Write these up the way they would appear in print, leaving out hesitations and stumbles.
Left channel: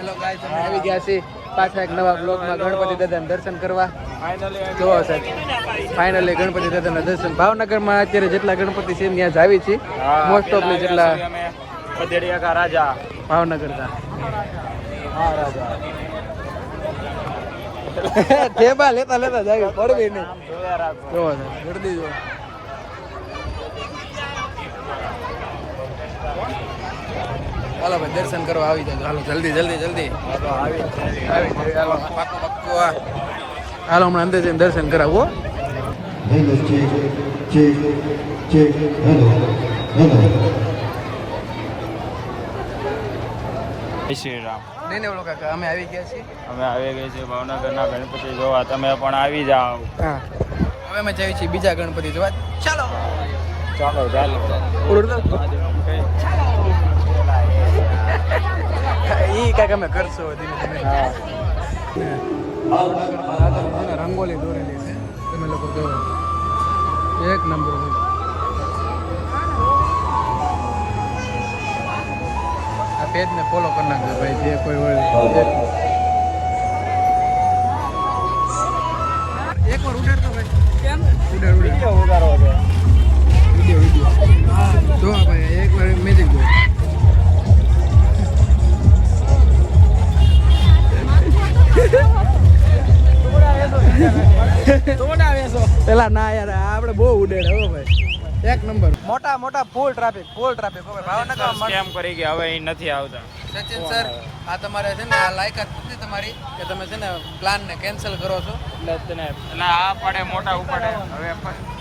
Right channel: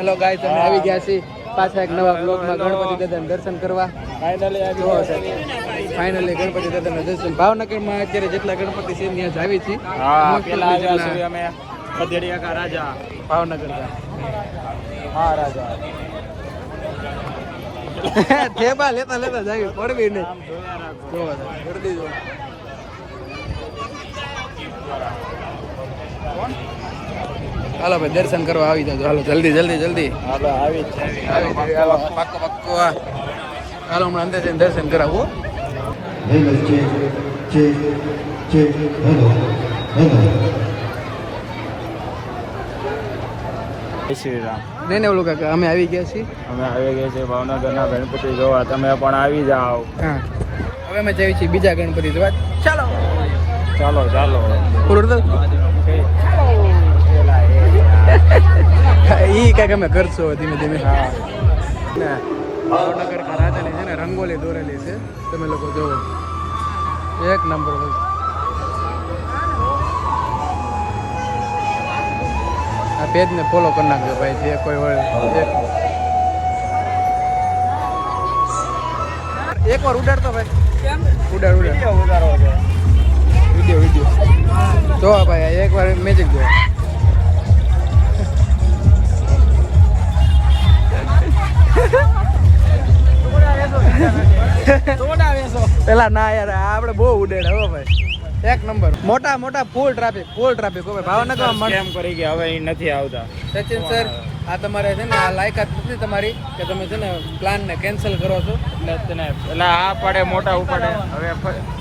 Hello guys, અમે આવી ગયા છીએ પાછા એક નવા બ્લોગમાં ગણપતિ દાદાના દર્શન કરવા. ફાઇનલી ગણપતિ દાદાના દર્શન ભાવનગરમાં અત્યારે જેટલા ગણપતિ છે ત્યાં જ આવી છીએ. મોસ્ટ ઓફલી જેટલા ખદેડિયા કા રાજા ભાવનગર કા હા રાજા ઠેબા લેતા લેતા જાય પડવી નહીં. જો હાલો ભાઈ દર્શન કરવા આવી જાવ. હાલો જલ્દી જલ્દી જલ્દી આવી હાલો હાલો હમણાં અંદર જઈને દર્શન કરાવો. શ્રી રામ. નહીં ઓલું કાકા અમે આવી ગયા છીએ. અમે આવી ગયા છે ભાવનગરના ગણપતિ જોવા. તમે પણ આવી જાઓ. હા હવે અમે જઈએ છીએ બીજા ગણપતિ જોવા. ચાલો ચાલો ચાલો ઈ કાંઈક અમે કરશો ધીમે ધીમે. રાજાની છે ને રંગોલી દોરેલી છે, તમે લોકો જોવો એક નંબર હોય. આ પેજ ને ફોલો કરી નાખજો ભાઈ, જે કોઈ હોય. એક વાર ઉડાડતો ભાઈ, ઉડાડ વિડીયો જો ભાઈ એક વાર મેજિક જો. પેલા ના યાર આપણે બહુ ઉડેડા હો ભાઈ, એક નંબર. મોટા મોટા ફૂલ ટ્રાફિક હો ભાઈ ભાવનગરમાં. કેમ કરી ગયા હવે અહીં નથી આવતા. સચિન સર આ તમારે છે ને આ લાયકાત નથી તમારી કે તમે છે ને પ્લાન ને કેન્સલ કરો છો. એટલે આ પડે મોટા ઉપાડે.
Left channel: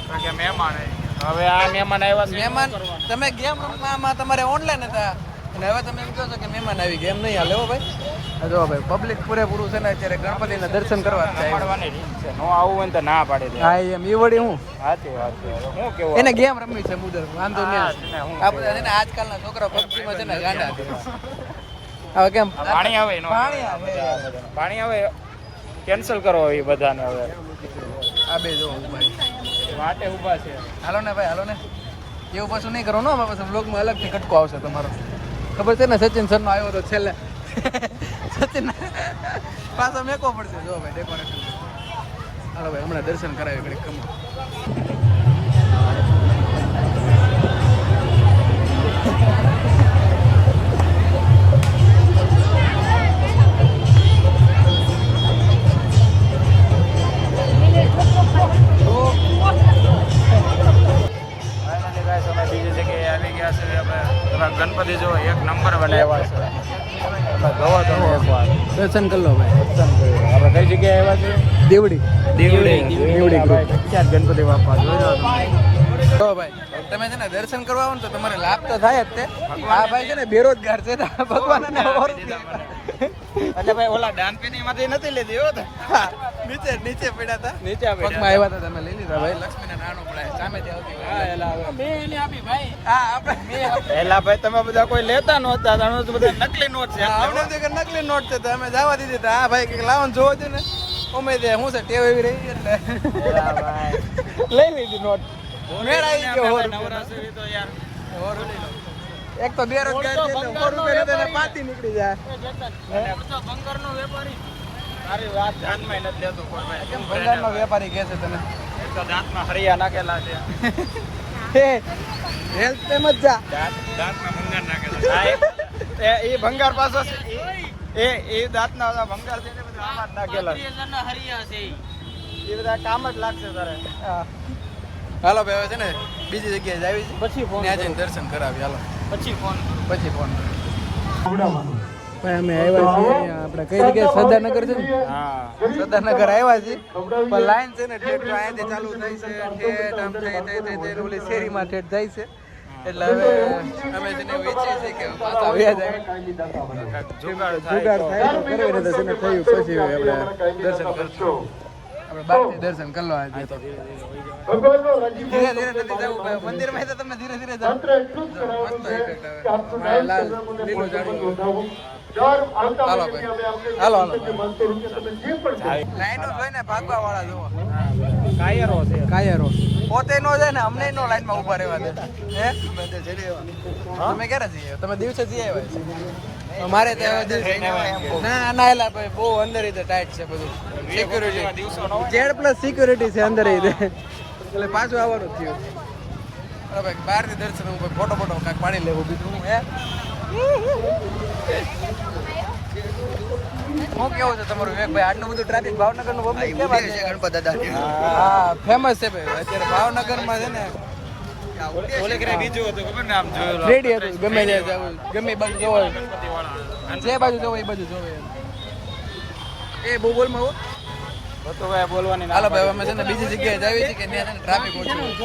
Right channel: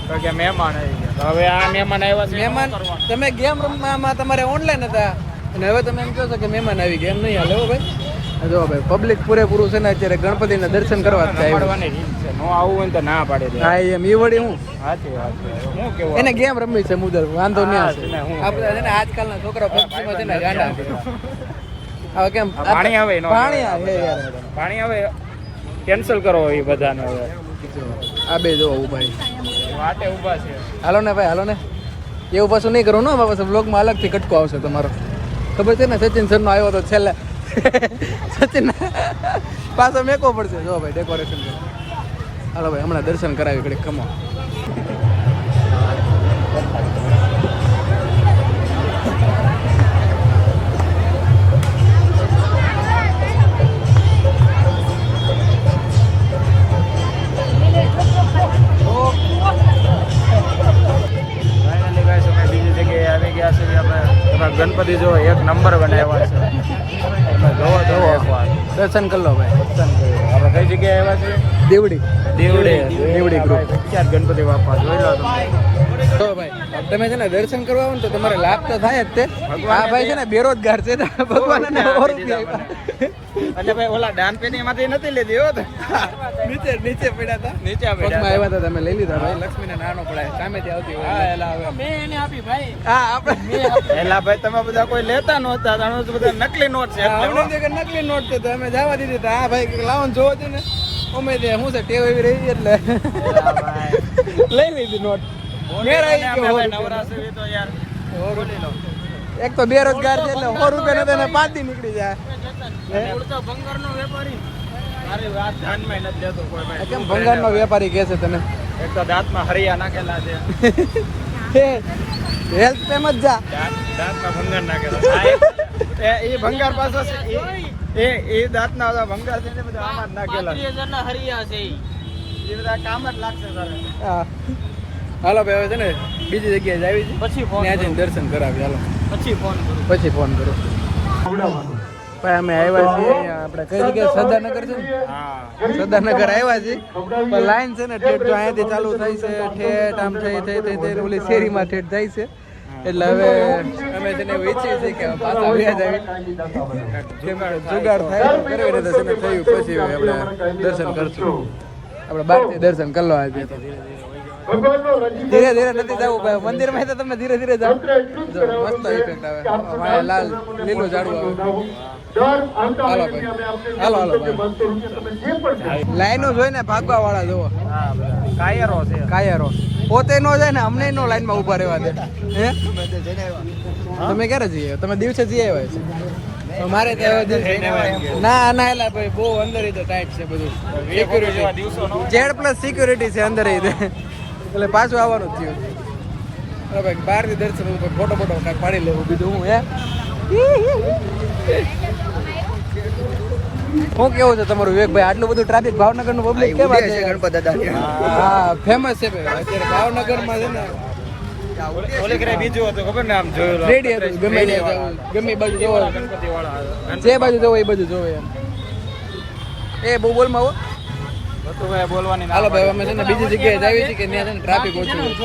હવે કે મહેમાન આવી ગયા, હવે આ મહેમાન આવ્યા છે. મહેમાન તમે ગેમ રમવામાં તમારે ઓનલાઈન હતા અને હવે તમે એમ કહો છો કે મહેમાન આવી ગયા, એમ નહીં હાલે હો ભાઈ. જો ભાઈ પબ્લિક પૂરેપૂરું છે ને અત્યારે ગણપતિના દર્શન કરવા જ થાય. હું આવું હોય તો ના પાડે. હા એમ એ વળી હું સાચી વાત છે. એને ગેમ રમવી છે મુદર, વાંધો નહીં આવશે. આપણે છે ને આજકાલના છોકરા પબજીમાં છે ને ગાંડા છે. હવે કેમ પાણી આવે પાણી આવે યાર, પાણી આવે કેન્સલ કરો એ બધાને. હવે આ બે જો ભાઈ હાલો ને ભાઈ હાલો ને, એવું પાછું નહીં કરવું ને. પાછું બ્લોગમાં અલગથી કટકો આવશે તમારો, ખબર છે ને. સચિન સરનો આવ્યો તો છેલ્લે સચિન પાછો મેકો પડશે. જો ભાઈ ડેકોરેશન. હાલો ભાઈ હમણાં દર્શન કરાવી ઘડીક કમો. ગણપતિ જો એક નંબર બનાવ્યા છે. દર્શન કરી લો ભાઈ. દર્શન કર્યું. હવે કઈ જગ્યાએ આવ્યા છે? દેવડી ગણપતિ બાપા જોઈ લો તમે. તો ભાઈ તમે છે ને દર્શન કરવા આવો ને તો તમારે લાભ તો થાય જ તે. આ ભાઈ છે ને બેરોજગાર છે ને ભગવાન ને એટલે ભાઈ ઓલા દાન પેટી માંથી નથી લીધી હો. નીચે પડ્યા હતા, પગમાં આવ્યા હતા, તમે લઈ લીધા ભાઈ. લક્ષ્મીને નાનો પડાય સામેથી આવતી હોય. હા આપણે એલા ભાઈ તમે બધા કોઈ લેતા નહોતા, બધા નકલી નોટ છે. નકલી નોટ છે તો અમે જવા દીધી. હા ભાઈ લાવવાનું જોવો છે ને અમે હું છે ટેવ એવી રહી એટલે લઈ લીધી નોટ. મેળ આવી ગયો. એક તો બેરોજગાર છે એટલે 100 રૂપિયા નતા ને 5 દી નીકળી જાય. ભંગારનો વેપારી મારી વાત ધ્યાનમાં નથી લેતો કોઈ ભાઈ. કેમ ભંગારનો વેપારી કહે છે તમે? એક તો દાંતમાં હરિયા નાખેલા છે. હેલ્થ એમ જ જા. દાંતમાં ભંગાર નાખેલા એ ભંગાર પાછો એ દાંતના બધા ભંગાર છે ને બધા આમાં જ નાખેલા. 30,000 હરિયા છે એ બધા કામ જ લાગશે તારે. હા હાલો ભાઈ હવે છે ને બીજી જગ્યાએ જ આવી છે, ત્યાં જઈને દર્શન કરાવી. હાલો પછી ફોન કરો ભાઈ. અમે આવ્યા છીએ આપણે કઈ જગ્યાએ સદાનગર છે ને, સદાનગર આવ્યા છીએ પણ લાઈન છે ને ઠેઠ તો અહીંયાથી ચાલુ થાય છે, ઠેઠ આમ થઈ ઓલી શેરીમાં ઠેઠ જાય છે. એટલે હવે અમે છે ને ઈચ્છીએ છીએ કે પાછા વ્યાજ આવી દર્શન કરશું. આપણે બહારથી દર્શન કરી લો આજે. ધીરે ધીરે નથી જવું ભાઈ મંદિર માં, તો તમે ધીરે ધીરે જાઓ. જો મસ્ત ઇફેક્ટ આવે, લાલ લીલું ઝાડવું. હાલો ભાઈ હાલો ભાઈ. લાઈનો જોઈને ભાગવા વાળા જોવો. કાયરો પોતે નો જાય ને અમને નો લાઈન માં ઉભા રહેવા દે. હે તમે ક્યારે જઈએ? તમે દિવસે જઈ આવ્યા છો? અમારે ના ના એલા ભાઈ બહુ અંદર ટાઈટ છે બધું સિક્યુરિટી જેડ પ્લસ સિક્યુરિટી છે અંદર એટલે પાછું આવવાનું થયું હવે ભાઈ બહારથી દર્શન ફોટો ફોટો કાંઈક પાડી લેવું બીજું હું શું કેવું છે તમારું વિવેકભાઈ આટલું બધું ટ્રાફિક ભાવનગર નું પબ્લિક કેમ છે ગણપત દાદા હા ફેમસ છે ભાઈ અત્યારે ભાવનગરમાં છે ને ગમે બાજુ જે બાજુ જવો એ બાજુ જોવે એ બહુ બોલમાં હાલો ભાઈ અમે છે ને બીજી જગ્યાએ જાવી છે કે ત્યાં છે ને ટ્રાફિક ઓછું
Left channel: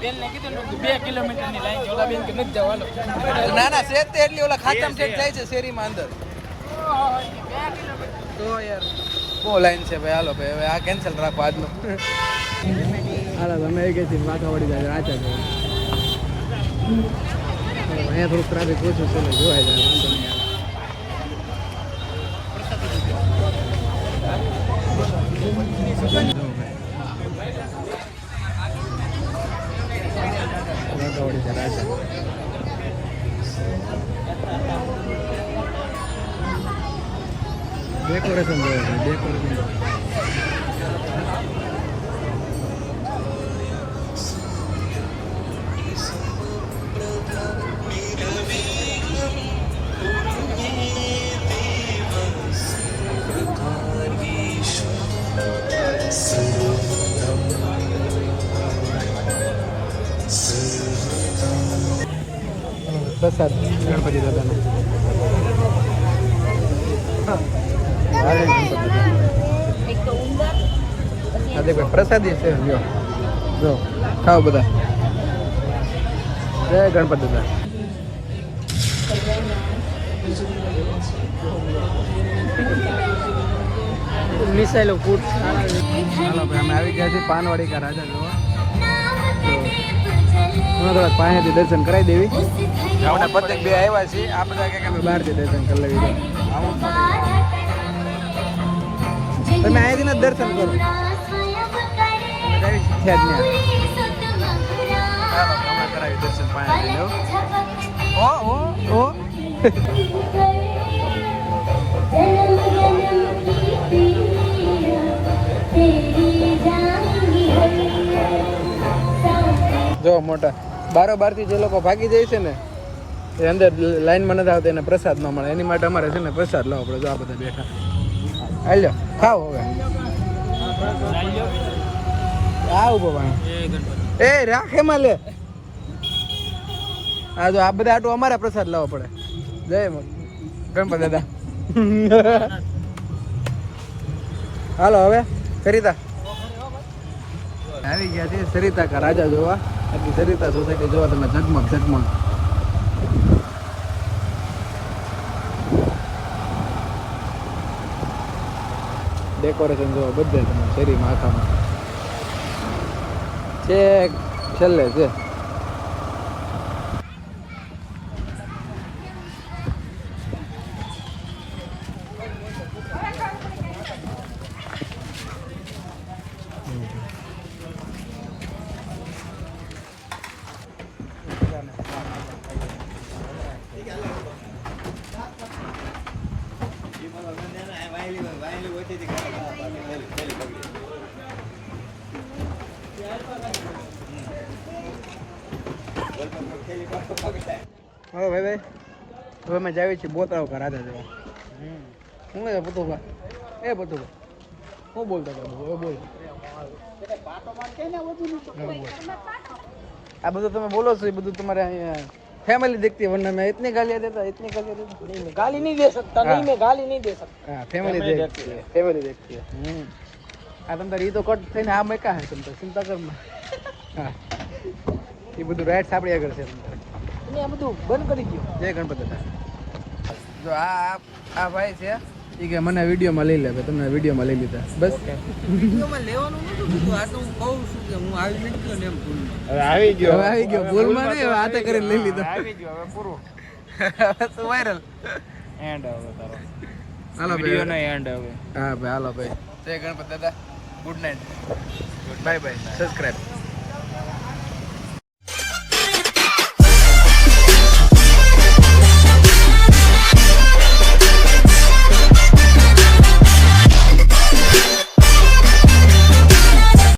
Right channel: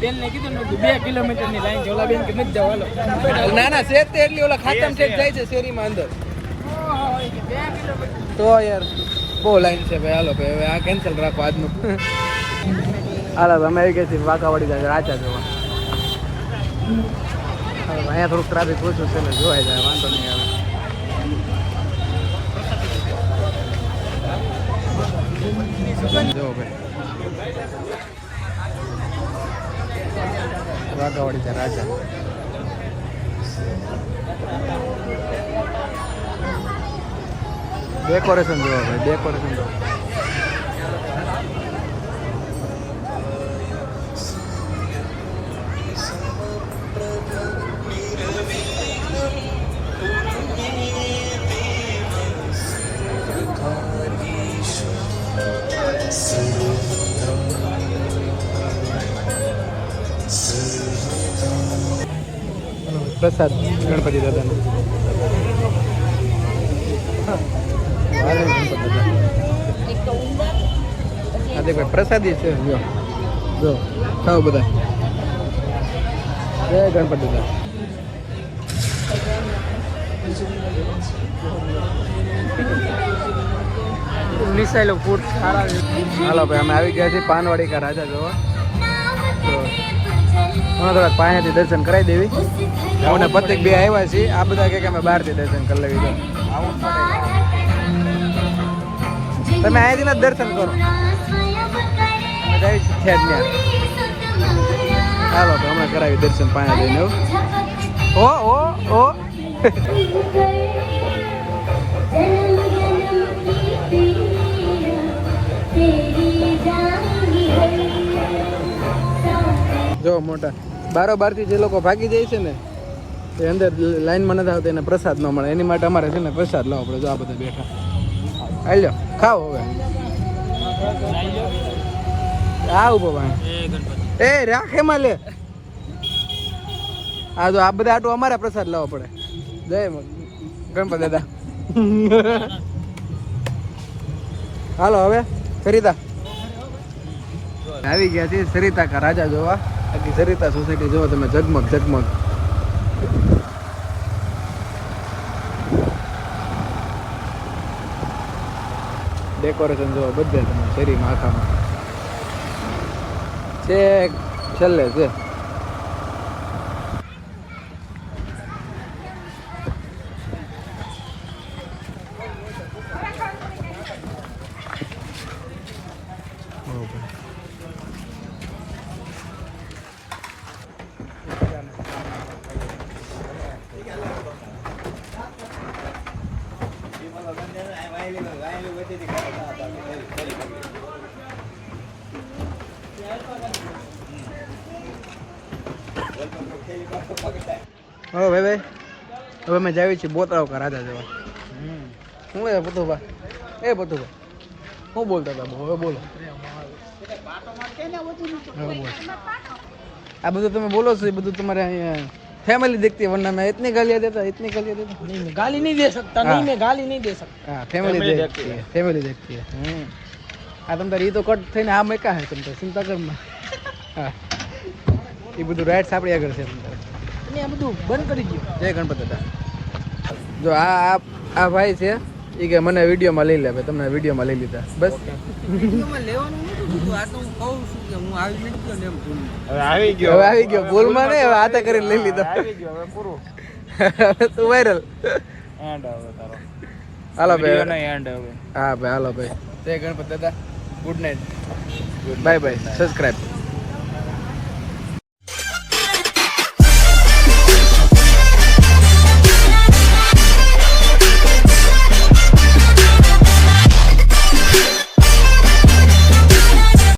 બેન ને કીધું 2 કિલોમીટર ની લાઈન છે ઓલા બેન કે નથી જવા ના ના શેર તે એટલી ઓલા ખાતામ શેર જાય છે શેરીમાં અંદર તો યાર બહુ લાઈન છે ભાઈ હાલો ભાઈ હવે આ કેન્સલ રાખો આજનું હાલો અમે આવી ગયા છીએ વાઘાવાડી જાય રાચા જોવા અહીંયા થોડુંક ટ્રાફિક ઓછું છે જોવાય જાય વાંધો નહીં આવે જો ભાઈ વાઘાવાડી જાય રાચા ડેકોરેશન બોલો ભાઈ ડેકોરેશન પ્રસાદ ગણપતિ દાદાને પ્રસાદી છે જો ખાઓ બધા જય ગણપતિ દાદા હાલો ભાઈ અમે આવી ગયા છીએ પાનવાડી કા રાજા જોવા થોડાક પાસેથી દર્શન કરાવી દેવી અમને પ્રત્યેક બે આવ્યા છીએ આ બધા કે અમે બહારથી દર્શન કરી લેવી તમે અહીંયાથી ને દર્શન કરો હાલો હમણાં કરાવી દર્શન પાયા જઈને ઓ જો મોટા બારોબાર થી જે લોકો ભાગી જાય છે ને એ અંદર લાઈનમાં નથી આવતા એને પ્રસાદ ન મળે એની માટે અમારે છે ને પ્રસાદ લાવવો પડે જો આ બધા બેઠા હાલ્યો ખાઓ હવે આવું બાબા એ રાખે માં લે આ જો આ બધા આટલું અમારે પ્રસાદ લાવવો પડે જય ગણપત દાદા હાલો હવે સરિતા આવી ગયા છે સરિતા કા રાજા જોવા આખી સરિતા સોસાયટી જોવા તમે ઝગમગ ઝગમગ ડેકોરેશન જોવા બધે તમે શેરીમાં આખામાં છે છેલ્લે છે હવે ભાઈ હવે અમે જાવી છીએ બોતરાવ કા રાજા જવા શું છે પતુભા એ પતુભા શું બોલતા હતા હવે બોલો આ બધું તમે બોલો છો એ બધું તમારે અહીંયા फैमिली देखती है वरना मैं इतनी गालियाँ देता नहीं मैं गाली नहीं दे सकता नहीं मैं गाली नहीं दे सकता हाँ फैमिली देखती है हाँ तुम तार ये तो कट थी आ मैं क्या है तुम तो चिंता करना हाँ ये બધું રાઈટ્સ આપણી આગળ છે તમને અને આ બધું બંધ કરી દો જય ગણપત દાદા જો આ ભાઈ છે એ કે મને વિડીયોમાં લઈ લે તમને વિડીયોમાં લઈ લીધા બસ વિડીયોમાં લેવાનું નતું તું આ તો હું કહું છું કે હું આવી નથી ગયો ને એમ ભૂલમાં હવે આવી ગયો ભૂલમાં નહીં હવે હાથે કરીને લઈ લીધો આવી ગયો હવે પૂરું હવે તું વાયરલ એન્ડ હવે તારો હાલો ભાઈ નો એન્ડ હવે હા ભાઈ હાલો ભાઈ જય ગણપત દાદા good night bye bye subscribe